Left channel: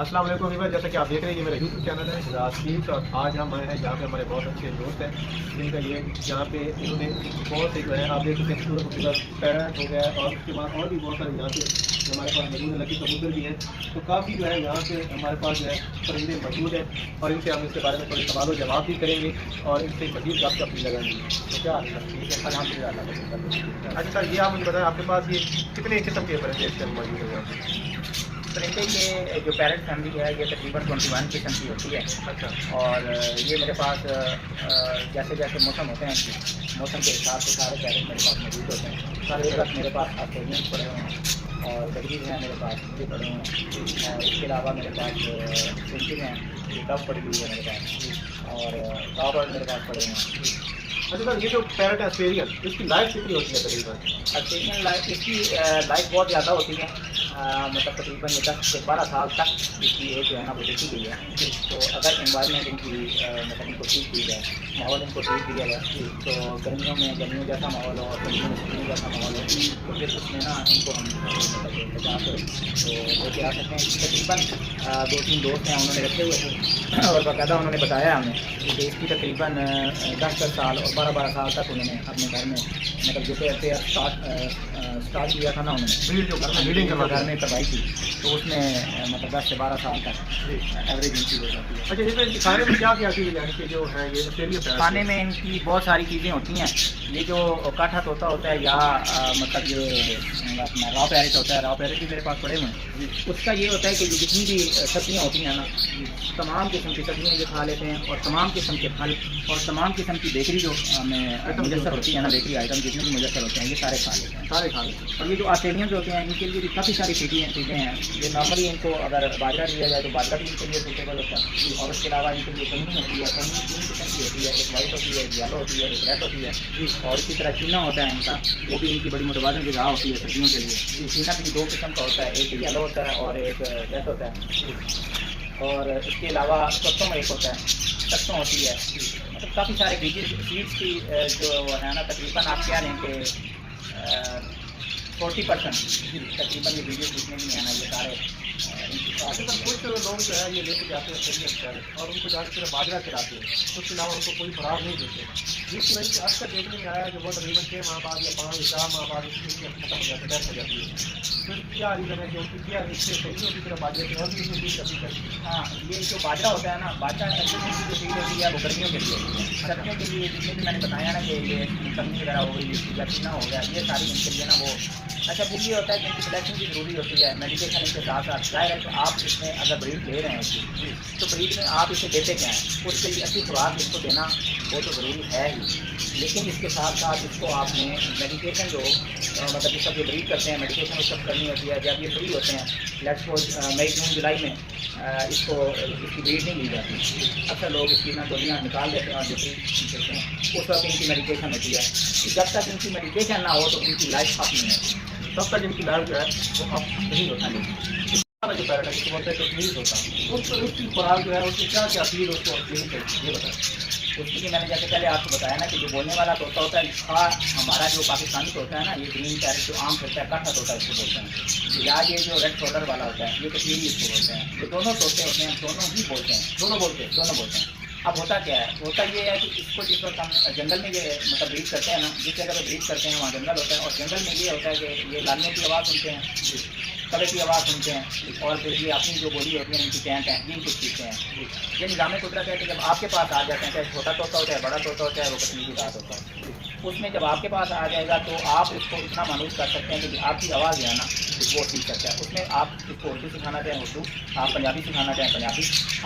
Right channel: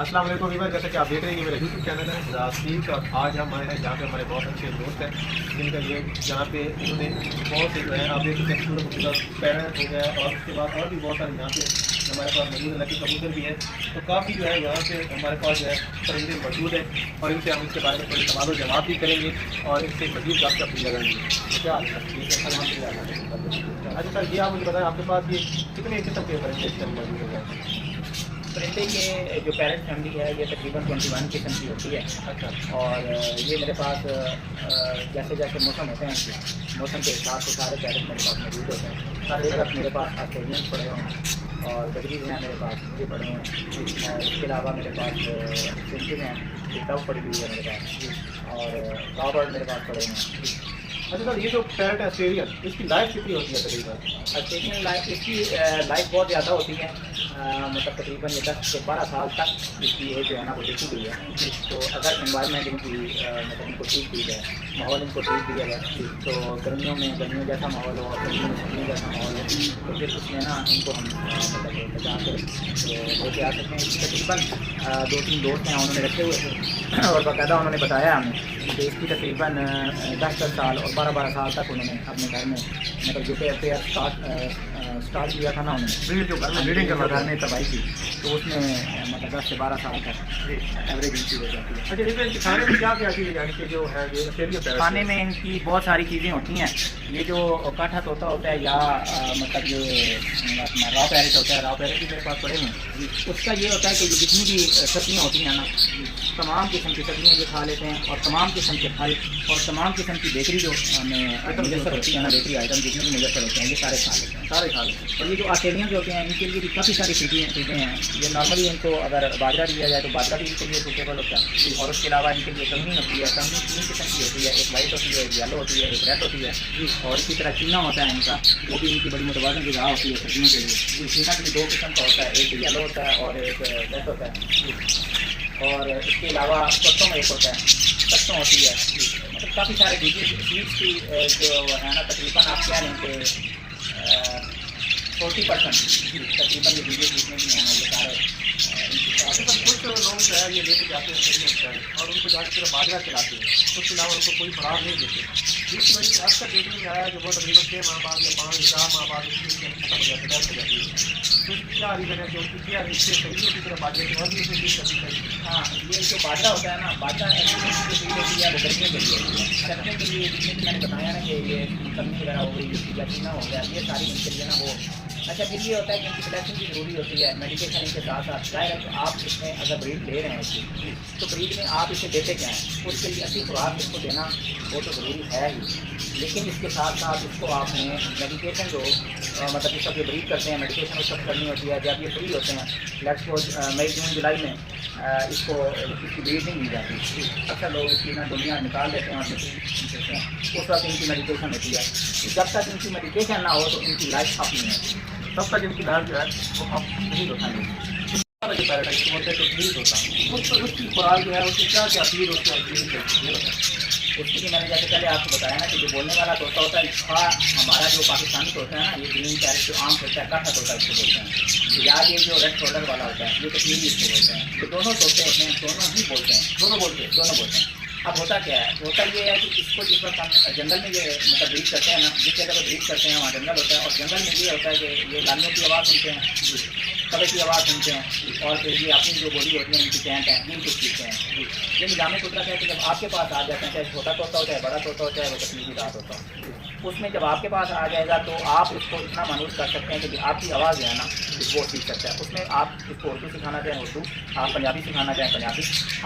अस्सलाम वालेकुम व्यूअर्स, जैसा कि आप देख रहे हैं कि मेरा यूट्यूब चैनल है रास्तीक, और आज हम आए हैं जहाँ पे हमारे बहुत अच्छे दोस्त हैं जिनका ये जहाँ पे इन्होंने बहुत से जो है आप देख सकते हैं खूबसूरत खूबसूरत पैरेट हो गया है, और उसके बाद और भी बहुत सारे यहाँ पे हमारे पास मौजूद है, लकी कबूतर भी हैं। तो काफ़ी जो है यहाँ पे हमारे पास जो है परिंदे मौजूद हैं, और इनसे हम इसके बारे में थोड़े सवाल जवाब भी करेंगे और इनसे मजीद गपशप भी लगाएंगे। तो क्या अच्छा सर, ये आप मुझे बताएं आपके पास ये कितने किस्म के परिंदे इस टाइम मौजूद है यहाँ पे? परिंदे ये जो पैरेट फैमिली है ये तकरीबन 21 किस्म की होती है। अच्छा। और ये मेरे पास जैसे जैसे मौसम होते हैं मौसम के हिसाब से सारे पैरेट मेरे पास मौजूद होते हैं। सारे वक्त मेरे पास ऑस्ट्रेलियंस पड़े हुए हैं और बकरीज हैं मेरे पास, ये पड़े हुए हैं। और इसके अलावा मेरे पास फिंचिंग हैं, ये टफ पड़ी हुई है मेरे पास, और रॉबर्ट मेरे पास पड़े हुए हैं। अच्छा सर, ये जो पैरेट है ऑस्ट्रेलियन, इसकी लाइफ कितनी होती है तकरीबन? ऑस्ट्रेलियन लाइफ इसकी लाइफ बहुत ज़्यादा होती है, मतलब तकरीबन ये 10 से 12 साल तक इसकी एज जो है ना वो देखी गई है। तो अगर इन्वायरमेंट इनकी मतलब इनको ठीक दी जाए, माहौल इनको ठीक दिया जाए, तो गर्मियों जैसा माहौल हो और गर्मियों में सर्दियों जैसा माहौल हो, तो फिर उसमें ना इनको हम मतलब बचा कर तो लेके आ सकते हैं। तकरीबन 2-3 दोस्त हैं उन्होंने रखे हुए थे और बाकायदा उन्होंने बताया हमें कि इसकी तकरीबन 10-10 साल और 12-12 साल तक उन्होंने अपने घर में मतलब जो पेयर स्टार्ट किया था ना उन्होंने ब्रीडिंग के घर में करवाई थी, तो उसमें मतलब 10 से 12 साल तक एवरेज इनकी हो जाती है। अच्छा, जैसे खाने में क्या क्या चीज़ यानी कि जो है ये ऑस्ट्रेलियन पैरेट? खाने में इनकी बहुत सारी चीज़ें होती हैं। ये जो काठा तोता होता है या मतलब ये अपना रॉ पैरेट होता है, रॉ पैरेट भी मेरे पास पड़े हुए हैं। उसका ये होता है कि जितनी भी सब्जियाँ होती हैं ना, तमाम किस्म की सब्जियाँ ये खा लेते हैं, और तमाम किस्म के फल और तमाम किस्म की बेकरी जो हमें मुयसर होती है ना, बेकरी आइटम जितने भी मुयसर होते हैं ये सारे खा लेते हैं, सारे खा लेते हैं। और ये जो ऑस्ट्रेलियंस होते हैं इनके लिए भी काफ़ी सारी चीज़ें हैं। ये नॉर्मली इनको अगर बाजरा दिया जाए तो बाजरा भी इनके लिए सूटेबल होता है। और उसके अलावा इनके लिए कंगनी होती है, कंगनी 3 किस्म की होती है, एक वाइट होती है, एक येलो होती है, एक रेड होती है। और इसी तरह चीना होता है इनका, वो भी इनकी बड़ी मुतवाज़न ग़िज़ा होती है सर्दियों के लिए। चीना भी 2 किस्म का होता है, एक येलो होता है और एक रेड होता है। और इसके अलावा सत्तों में एक होता है, सत्तों होती है। मतलब काफ़ी सारे चीज़ की जो है ना, तकरीबन आप क्या लें कि 40% तकरीबन ये वीडियो जितने भी हैं ना ये सारे कुछ लोग जो है ये लेके जाते हैं ऑस्ट्रेलियन पैरेट और उनको जाकर सिर्फ बाजरा खिलाते हैं, उसके अलावा उनको कोई खुराक नहीं देते, जिसकी वजह से अक्सर देखने में आया कि वो तकरीबन 6 माह बाद या 5 या 4 माह बाद उसकी खत्म हो जाती है, डेथ हो जाती है। तो क्या रीज़न है कि उनकी क्या इससे सब्जियों की तरफ बाजरे की और भी इसमें चीज़ करनी चाहिए? हाँ, ये जो बाजरा होता है ना, बाजरा ऐसी जो चीज़ होती है वो गर्मियों के लिए होती है। सर्दियों के लिए जितने भी मैंने बताया ना कि ये कंगनी वगैरह हो गई या चीना हो गया, ये सारी इनके लिए ना वो अच्छा। फिर ये होता है कि इनकी सिलेक्शन भी ज़रूरी होती है, मेडिकेशन इनके साथ साथ जाहिर है। तो आप इसमें अगर ब्रीड ले रहे हैं इसकी, तो ब्रीड में आप इसे देते क्या हैं, उसके लिए अच्छी खुराक इसको देना वो तो ज़रूरी है ही, लेकिन इसके साथ साथ इसको आपने मेडिकेशन जो मतलब जिस वक्त ये ब्रीड करते हैं मेडिकेशन उस वक्त करनी होती है जब ये फ्री होते हैं। लेट्स सपोज मई जून जुलाई में इसको इसकी ब्रीड नहीं ली जाती। अक्सर लोग इसकी ना डोलियाँ निकाल देते हैं और देते हैं, उस वक्त इनकी मेडिकेशन होती है। जब तक इनकी मेडिकेशन ना हो तो इनकी लाइफ अप नहीं है, तब तक इनकी लाइफ जो है वो अप नहीं होता है। जो पैरेट है जिसको बोलते हैं कश्मीर होता, उसकी खुराक जो है उसकी क्या क्या चीज़ उसको ये बताएं। उसकी मैंने जैसे पहले आपको बताया ना कि जो बोलने वाला तोता होता है, हमारा जो पाकिस्तानी तोता है ना, ये ग्रीन पैरेट जो आम होता है काठा तोता इसको बोलते हैं, या ये जो रेड शोल्डर वाला होता है ये कश्मीरी इसको बोलते हैं। तो दोनों तोते होते हैं, दोनों ही बोलते हैं, दोनों बोलते हैं। अब होता क्या है, होता ये है कि इसको जिस वक्त हम जंगल में ये मतलब ब्रीड करते हैं ना, जिस जगह पर ब्रीड करते हैं वहाँ जंगल होता है, और जंगल में ये होता है कि ये लालियों की आवाज़ सुनते हैं, कड़े की आवाज़ सुनते हैं, और फिर ये अपनी जो बॉडी होती है इनकी चैंट है दिन कुछ सीखते हैं। ये निज़ाम कुदरत है कि जब आपके पास आ जाते हैं, चाहे छोटा तोता होता है, बड़ा तोता होता है, वो कश्मीरी रात होता है, उसमें जब आपके पास आ जाएगा तो आप इसको इतना मानूस कर सकते हैं कि आपकी आवाज़ जो है ना वो सीख सकता है। उसमें आप इसको उर्दू सिखाना चाहें उर्दू, आप पंजाबी सिखाना चाहें पंजाबी,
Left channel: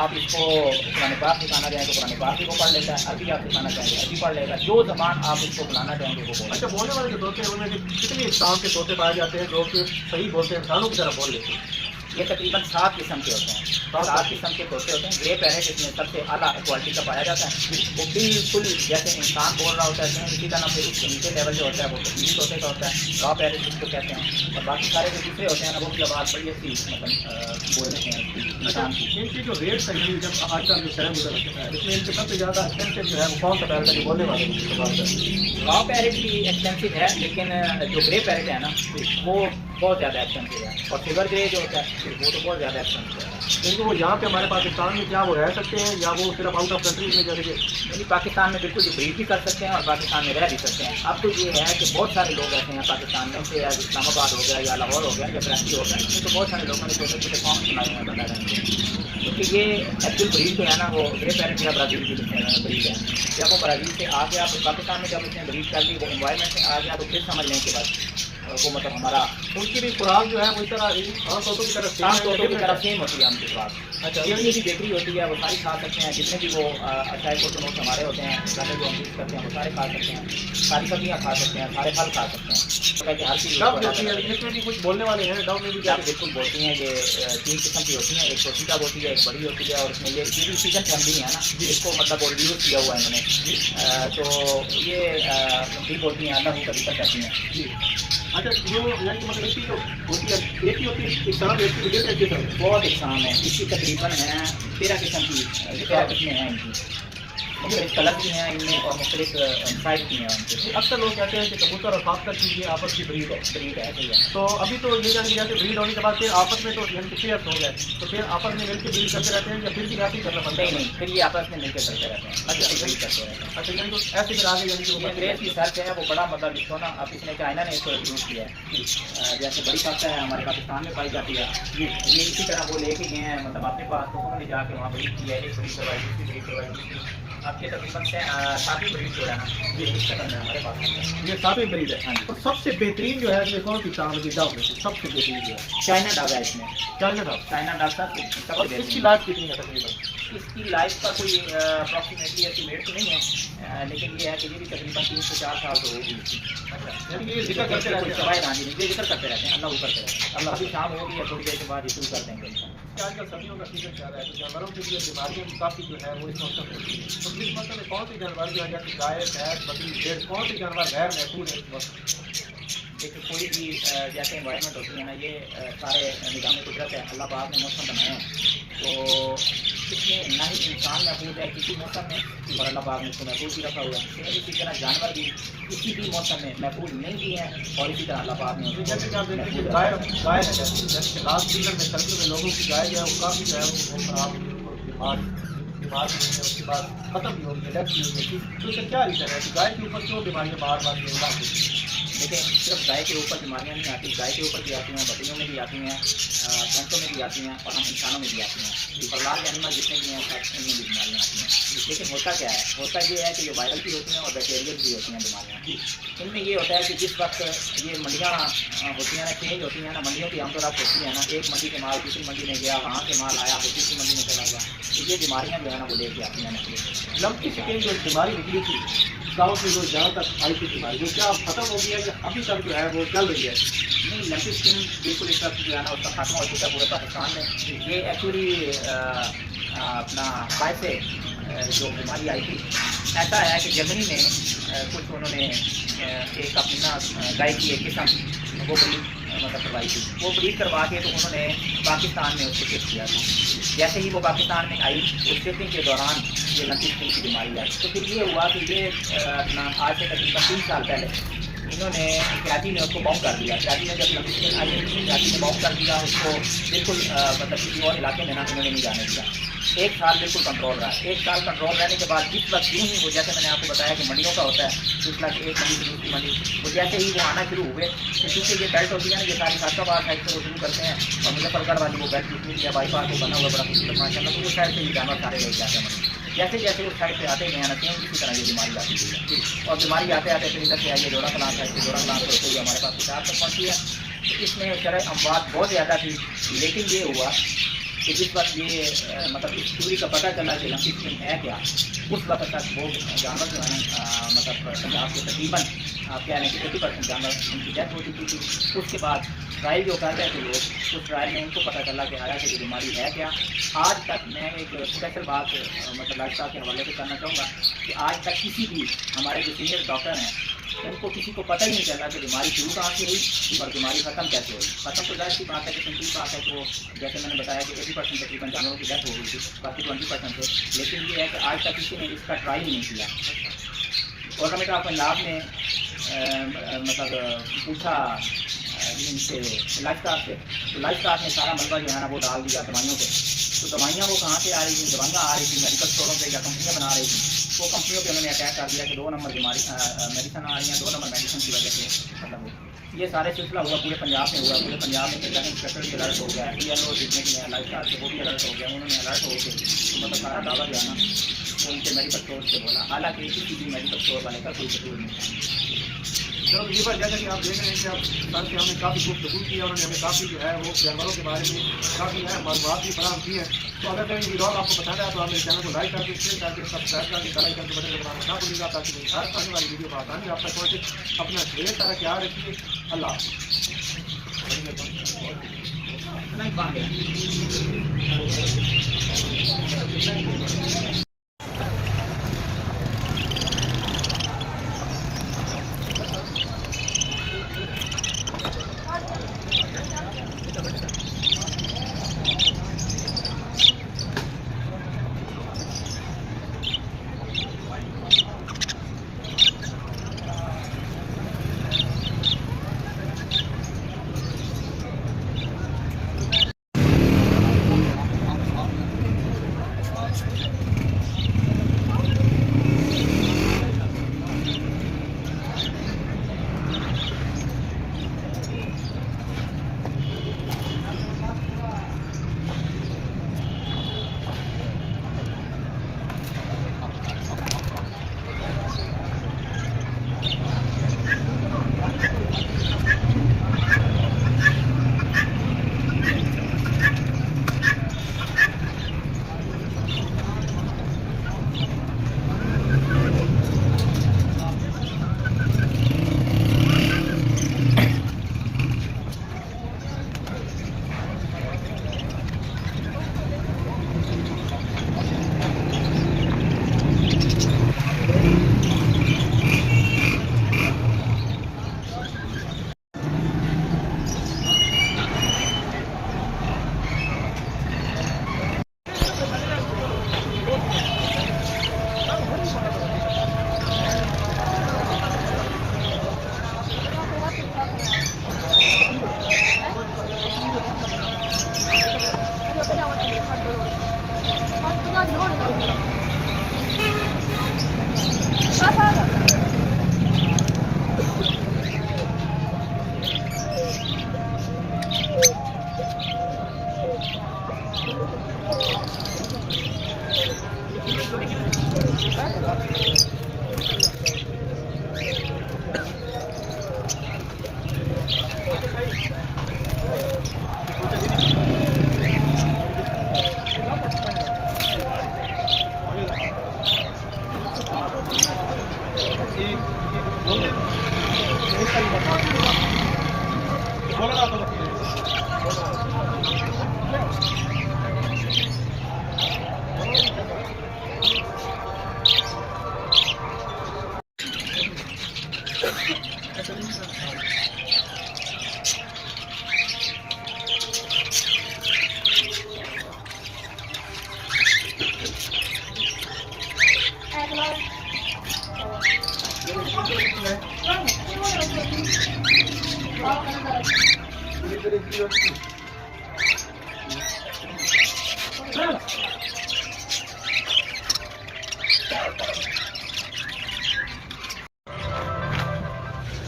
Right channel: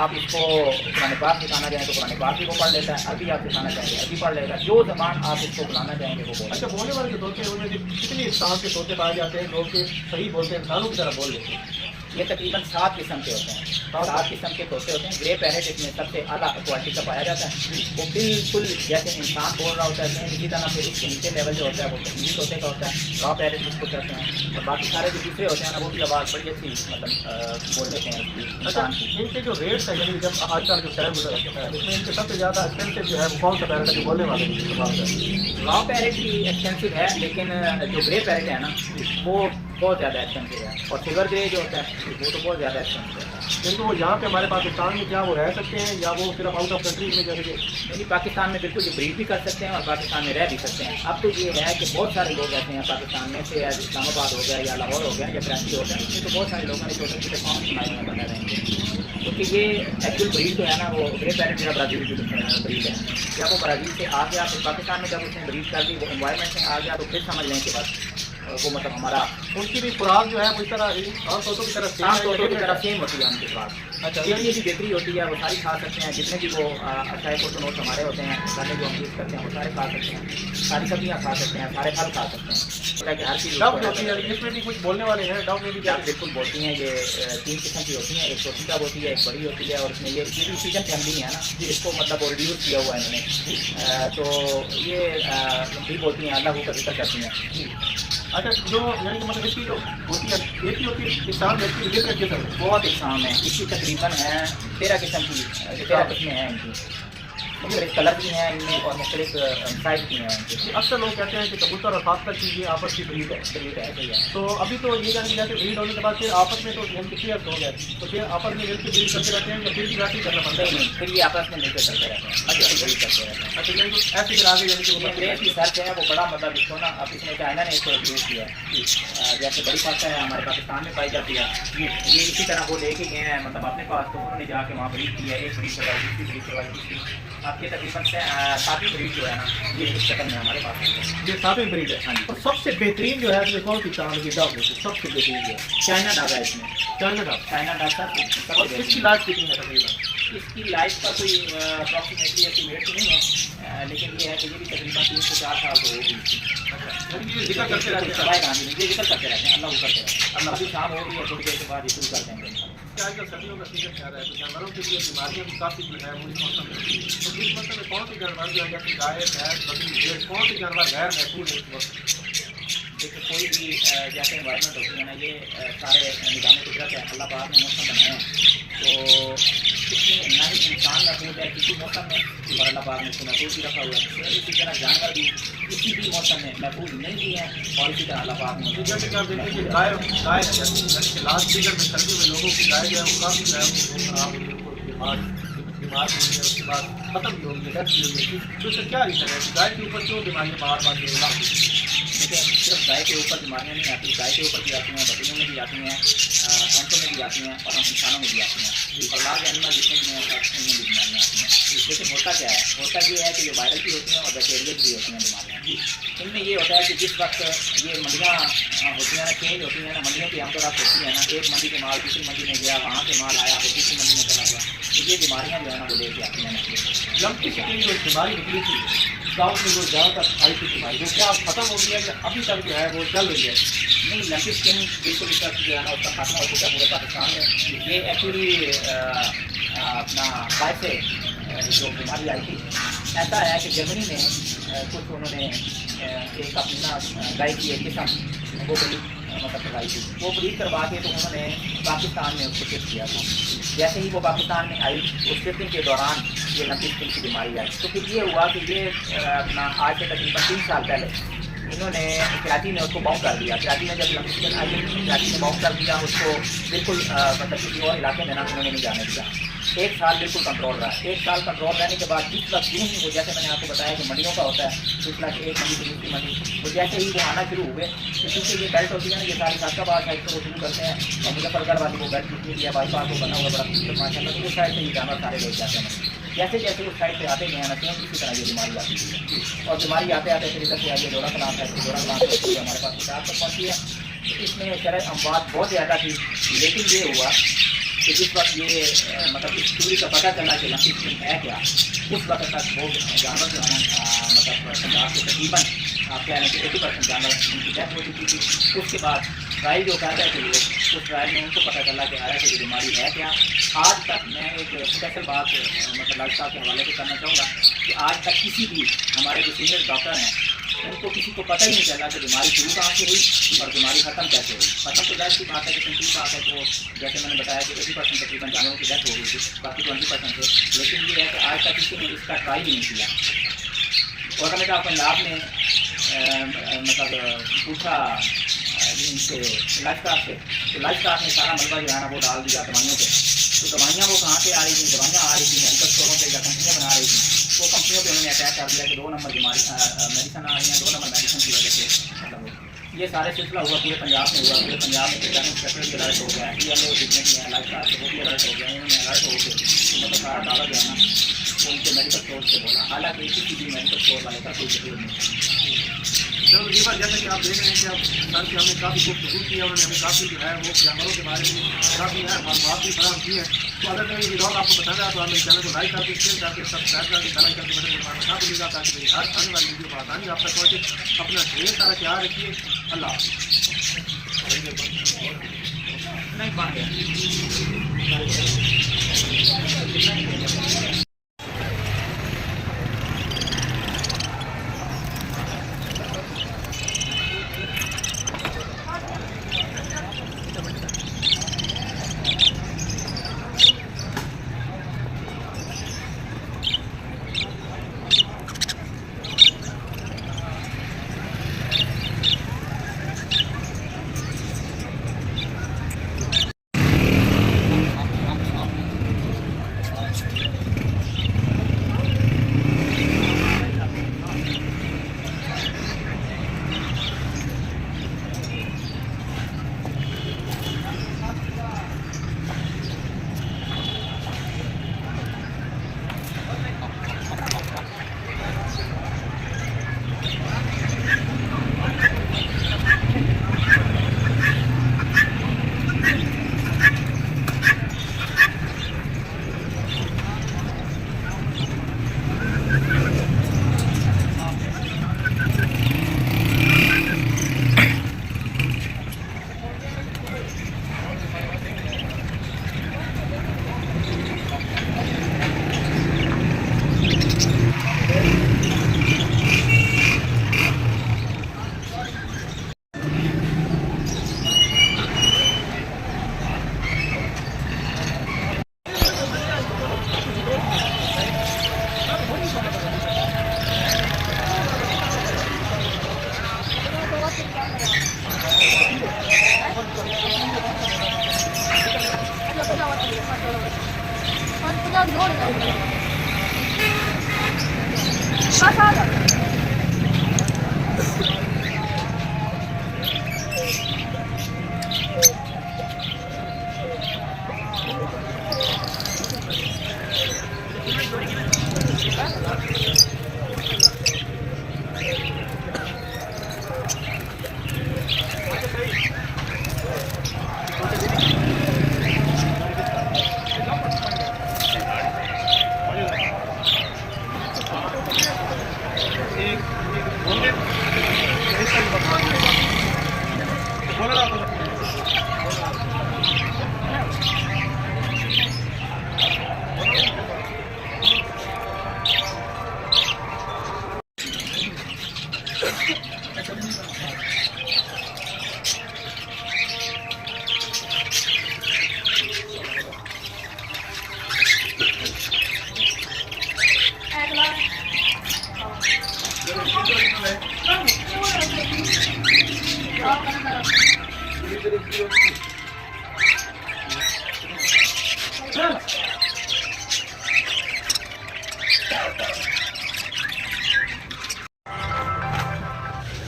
आप इसको कुरान पाक सिखाना चाहें तो कुरान पाक भी वो पढ़ लेता है, अरबी आप सिखाना चाहेंगे अरबी पढ़ लेगा, जो ज़बान आप इसको बुलाना चाहेंगे वो बोलेगा। अच्छा, बोलने वाले जो तोते हैं उनमें कितने इस्लाम के तोते पाए जाते हैं? लोग सही बोलते हैं, इंसानों की तरह बोल लेते हैं। ये तकरीबन 7 किस्म के होते हैं, 7 किस्म के तोते होते हैं। ग्रे पैरेट इसमें सबसे आला क्वालिटी का पाया जाता है, वो बिल्कुल जैसे इंसान बोल रहा होता है इसी तरह। फिर उसके नीचे लेवल जो होता है वो कश्मीरी तोते का होता है, रॉ पैरेट जिसको कहते हैं। और बाकी सारे जो दूसरे होते हैं वो भी आवाज़ बड़ी अच्छी मतलब बोल देते हैं इंसान की। इनके जो रेट्स हैं जब आजकल जो शहर गुजर रहा है इसमें इनके सबसे ज़्यादा एक्सपेंसिव जो है वो कौन सा पैरेट है जो बोलने वाले हैं? रॉ पैरेट भी एक्सपेंसिव है, लेकिन जो ग्रे पैरेट है ना वो बहुत ज़्यादा एक्सपेंसिव है, और सिल्वर ग्रे जो होता है वो तो बहुत ज़्यादा एक्सपेंसिव है। क्योंकि वो यहाँ पे हमारे पाकिस्तान में क्या वो रह सकते हैं या वो सिर्फ आउट ऑफ कंट्री में जाएंगे? यानी पाकिस्तान में बिल्कुल ब्रीड भी कर सकते हैं और पाकिस्तान में रह भी सकते हैं। अब तो ये है कि बहुत सारे लोग ऐसे हैं पाकिस्तान में से, इस्लामाबाद हो गया या लाहौर हो गया या कराची हो गया, इसमें तो बहुत सारे लोगों ने छोटे छोटे फार्म बनाए हुए हैं बता रहे हैं, क्योंकि ये एक्चुअल ब्रीड जो है ना वो ग्रे पैरेंट या ब्राज़ील की ब्रीड है। जब वो ब्राज़ील से आ गया तो पाकिस्तान में जब उसने ब्रीड कर दी, वो इन्वायरमेंट में आ गया, तो फिर समझ लें कि बस वो मतलब हमारा उनकी भी खुराक जो है वो इस तरह आम तोतों की तरह आम तौर की तरह सेम होती है उनके पास। अच्छा, ये की बेहतरी होती है, वो सारी खा सकते हैं, जितने भी वो अच्छा नोट हमारे होते हैं पहले जो हम यूज़ करते हैं वो सारे खा सकते हैं, सारी सब्जियाँ खा सकते हैं, सारे फल खा सकते हैं। तो कि हर चीज़ डब होती है, इसमें भी कुछ बोलने वाले हैं, डब में भी क्या? आप बिल्कुल बोलती हैं। ये 3 किस्म की होती हैं, एक छोटी डब होती है, एक बड़ी होती है, और इसमें ये भी सीजन फैमिली है ना, इसको मतलब वो रिड्यूस किया हुआ है इन्होंने, तो ये भी बोलती हैं अल्लाह की कभी तक कहती हैं। अच्छा, जो यानी कि मतलब इसकी जो होती है एक ही होती है, इंसान इसकी डिफरेंट किस्म है। बहुत इंसान है, इसकी तकरीबन है 13 किस्म की जो आपस में हैं इनकी, मुख्तलिफ कलर की हैं इनमें और मुख्तलिफ साइज की हैं इनकी। अक्सर लोग कहते हैं कि कबूतर और खासकर की ये आपस की ब्रीड है। ब्रीड है, सही है। तो अभी तो ये जान लिया कि ब्रीड होने के बाद फिर आपस में तो यानी कि शेयर हो गए, तो फिर आपस में मिलकर ब्रीड करते रहते हैं या फिर भी वैसे ही करना पड़ता है? नहीं, फिर ये आपस में मिलकर चलते रहते हैं, अच्छा ब्रीड करते रहते हैं। अच्छा, यानी कि ऐसे फिर आगे यानी कि वो ये अंग्रेज की सर्च है, वो बड़ा मतलब इसको ना अब इसने चाइना ने इसको इंट्रोड्यूस किया है। जैसे बड़ी फास्टा है हमारे पाकिस्तान में पाई जाती है, ये इसी तरह वो लेके गए हैं मतलब अपने पास, तो उन्होंने जाके वहाँ ब्रीड किया, एक ब्रीड करवाई, दूसरी ब्रीड करवाई, आपके तकरीबन से 7 ब्रीड जो है ना ये इस कदम में हमारे पास ये सातवीं ब्रीड है। तो सबसे बेहतरीन जो है ये कौन सी चांद की डब है? सबसे बेहतरीन जो है चाइना डब है इसमें, चाइना डब। चाइना डब सब और इसकी लाइफ कितनी है तकरीबन? इसकी लाइफ का कोई अप्रॉक्सीमेटली एस्टिमेट तो नहीं है, लेकिन ये है कि ये भी तकरीबन 3 से 4 साल तो होगी इसकी। यानी कि ये जिक्र करते रहते हैं। सवाई गांधी ये जिक्र करते रहते हैं, अल्लाह वो करते रहते हैं, अल्लाह अभी शाम हो गई है, थोड़ी देर के बाद ये शुरू कर देंगे। आजकल सर्दियों का सीजन चल रहा है, तो जानवरों के लिए बीमारियां भी काफ़ी जो है वो इस मौसम में होती है। तो इस मौसम में कौन से जानवर जो है जैसे गाय, भैंस, बकरी, भेड़, कौन से जानवर गैर महफूज है इस मौसम? देखिए कोई भी जैसे इन्वायरमेंट होती है ना, ये सारे निज़ाम कुदरत है, अल्लाह पाक ने मौसम बनाए हैं, तो इसमें ना ही इंसान महफूज है किसी मौसम में और अल्लाह पाक ने इसको महफूज भी रखा हुआ है। इसी तरह जानवर भी किसी भी मौसम में महफूज नहीं भी हैं और इसी तरह अल्लाह पाक ने तो जैसे कि आप देखते हैं कि गाय गाय है, जैसे कि लास्ट सीजन में सर्दियों में लोगों की गाय जो है वो काफ़ी जो है वो खराब हुई, उनको बीमार भी हुई है, उसके बाद खत्म भी होगी, डेथ भी होगी। तो इसका क्या रीज़न है कि गाय के ऊपर क्यों बीमारियाँ बार बार ये लागू होती हैं? देखिए सिर्फ गाय के ऊपर बीमारियाँ नहीं आती, गाय के ऊपर भी आती हैं, बकरियों में भी आती हैं, भैंसों में भी आती हैं और हम इंसानों में भी आती हैं, और लार्ज एनिमल जितने भी हैं सब उनमें भी बीमारियाँ आती हैं। लेकिन होता क्या है, होता ये है कि ये वायरल भी होती हैं और बैक्टीरियल भी होती हैं बीमारियाँ। इनमें ये होता है कि जिस वक्त ये मंडियाँ होती हैं ना, चेंज होती हैं ना, मंडियों की आमतौर पर होती है ना, एक मंडी के माल दूसरी मंडी में गया, वहाँ से माल आया वो तीसरी मंडी में चला गया, तो ये बीमारियाँ जो है ना वो लेके आती हैं ना। लंपी स्किन जो बीमारी निकली थी गाँव में जो ज़्यादातर आई थी बीमारी, वो क्या खत्म हो गई है कि अभी तक जो है वो चल रही है? नहीं, लंपी स्किन बिल्कुल इस वक्त जो है ना उसका खात्मा हो चुका है पूरे पाकिस्तान में। ये एक्चुअली अपना गाय से जो बीमारी आई थी, ऐसा है कि जर्मनी में कुछ उन्होंने एक अपनी ना गाय की एक किस्म वो ब्रीड मतलब करवाई थी, वो ब्रीड करवा के तो उन्होंने पाकिस्तान में उसको शिफ्ट किया था। जैसे ही वो पाकिस्तान में आई, उस शिफ्टिंग के दौरान ये लंपी स्किन की बीमारी आई, तो फिर ये हुआ कि ये अपना आज से तकरीबन 3 साल पहले इन्होंने कराची में उसको बाउंड कर दिया। कराची में जब लंबी स्किन आई है, कराची में बाउंड कर दिया उसको, बिल्कुल मतलब किसी और इलाके में ना उन्होंने नहीं जाने दिया। 1 साल बिल्कुल कंट्रोल रहा। 1 साल कंट्रोल रहने के बाद जिस वक्त यूँ ही वो, जैसे मैंने आपको बताया कि मंडियों का होता है सिलसिला कि एक मंडी से दूसरी मंडी, वो जैसे ही वो आना शुरू हुए, तो क्योंकि ये बेल्ट होती है ना, ये सारी सादाबाद साइड से वो शुरू करते हैं और मुजफ्फरगढ़ वाली वो बेल्ट जितनी भी है बाईपास वो बना हुआ बड़ा खूबसूरत माशाल्लाह, तो उस साइड से ये जानवर सारे ले जाते हैं मंडी। जैसे जैसे उस साइड से आते गए ना, सेम इसी तरह ये बीमारी आती है और बीमारी आते आते फिर इधर से आई है जोड़ा क्लास है, फिर जोड़ा क्लास होते हुए हमारे पास किताब तक पहुँची है। तो इसमें शरह अमवात बहुत ज़्यादा थी, लेकिन ये हुआ कि जिस वक्त ये मतलब इस दूरी का पता चला कि लंबी स्किन है क्या, उस वक्त तक वो जानवर जो है ना मतलब पंजाब के तकरीबन आप कह रहे हैं कि 80% जानवर उनकी डेथ हो चुकी थी। उसके बाद ट्रायल जो कर रहे थे लोग, उस ट्रायल में उनको पता चला कि आया कि ये बीमारी है क्या। आज तक मैं एक स्पेशल बात मतलब लाल साहब के हवाले से करना चाहूँगा कि आज तक किसी भी हमारे जो सीनियर डॉक्टर हैं उनको किसी को पता ही नहीं चला कि बीमारी शुरू कहाँ से हुई और बीमारी ख़त्म कैसे हुई। ख़त्म तो जाहिर सी बात है कि सिंपल बात है, तो जैसे मैंने बताया कि 80% तकरीबन जानवरों की डेथ हो गई थी, बाकी 20% थे। लेकिन ये है कि आज तक किसी ने इसका ट्राई नहीं किया। और हमें कहा पंजाब में मतलब पूछा ग्रीन से लाइफ स्टार से, तो लाइफ स्टार ने सारा मलबा जो है ना वो डाल दिया दवाइयों पे। तो दवाइयाँ वो कहाँ से आ रही थी, दवाइयाँ आ रही थी मेडिकल स्टोरों पे या कंपनियाँ बना रही थी, वो कंपनियों पे उन्होंने अटैक कर दिया कि 2 नंबर बीमारी मेडिसन आ रही हैं, 2 नंबर मेडिसन की वजह से मतलब वो ये सारे सिलसिला हुआ पूरे पंजाब में हुआ। पूरे पंजाब में इंस्पेक्टर भी अलर्ट हो गया, PLO जितने भी हैं लाइफ स्टार से वो भी अलर्ट हो गया। उन्होंने अलर्ट हो के तो मतलब सारा दावा जो है ना वो उनके मेडिकल स्टोर से बोला, हालांकि किसी भी मेडिकल स्टोर वाले का कोई कसूर नहीं था। चलो ये बात जैसे कि आप देख रहे हैं कि अब सर से हमने काफ़ी गुफ्तगू की है, उन्होंने हमें काफ़ी जो है वो जानवरों के बारे में काफ़ी है मालूमात भी फराहम की है। तो अगर कहीं वीडियो आपको पसंद आया तो आप मेरे चैनल को लाइक करके शेयर करके सब्सक्राइब करके बेल आइकन के बटन को दबाना ना भूलिएगा ताकि मेरी हर आने वाली वीडियो पर आसानी आप तक पहुँचे। अपना ढेर सारा ख्याल रखिए। अल्लाह नहीं बात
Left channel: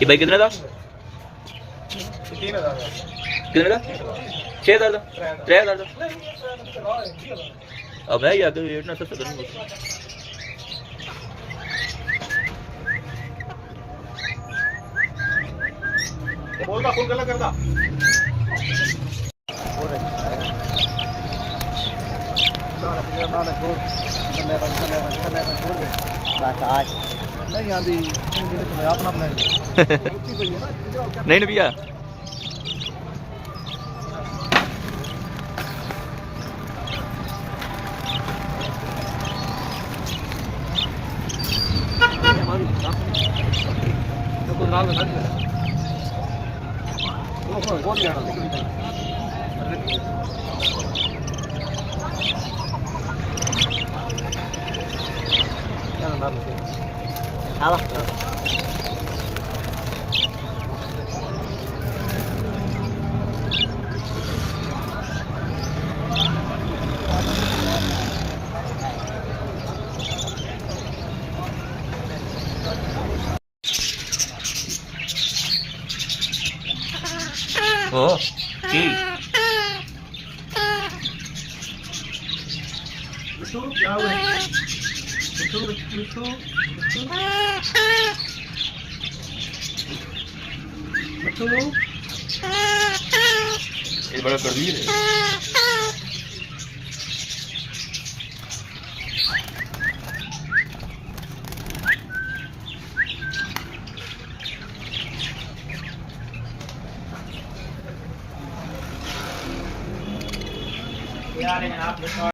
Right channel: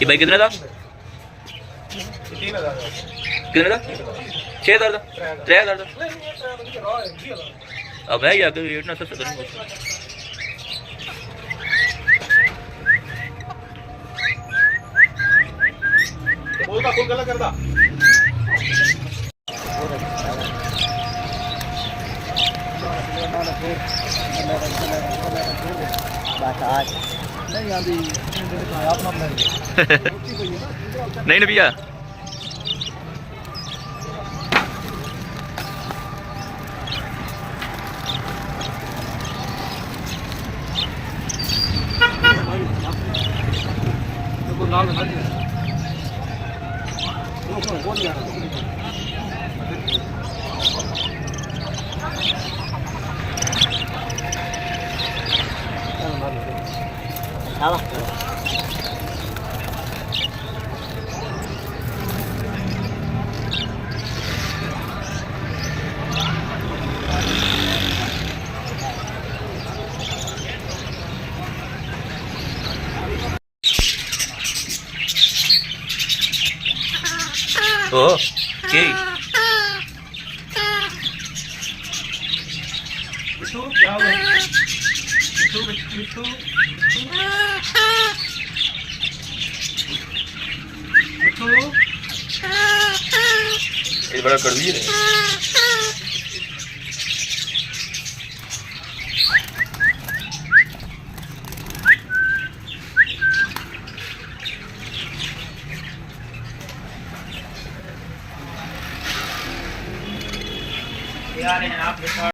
ये भाई कितने था? 3000 कितने था? 6000 था? 3000 था? अब है यार रेट ना सस्ता करनी बोलता फुल गलत करता नहीं आंधी अपना नहीं ना भैया ओ की बिट्टू क्या हुआ? बिट्टू बिट्टू बिट्टू बिट्टू ये बड़ा कड़वी है यार आप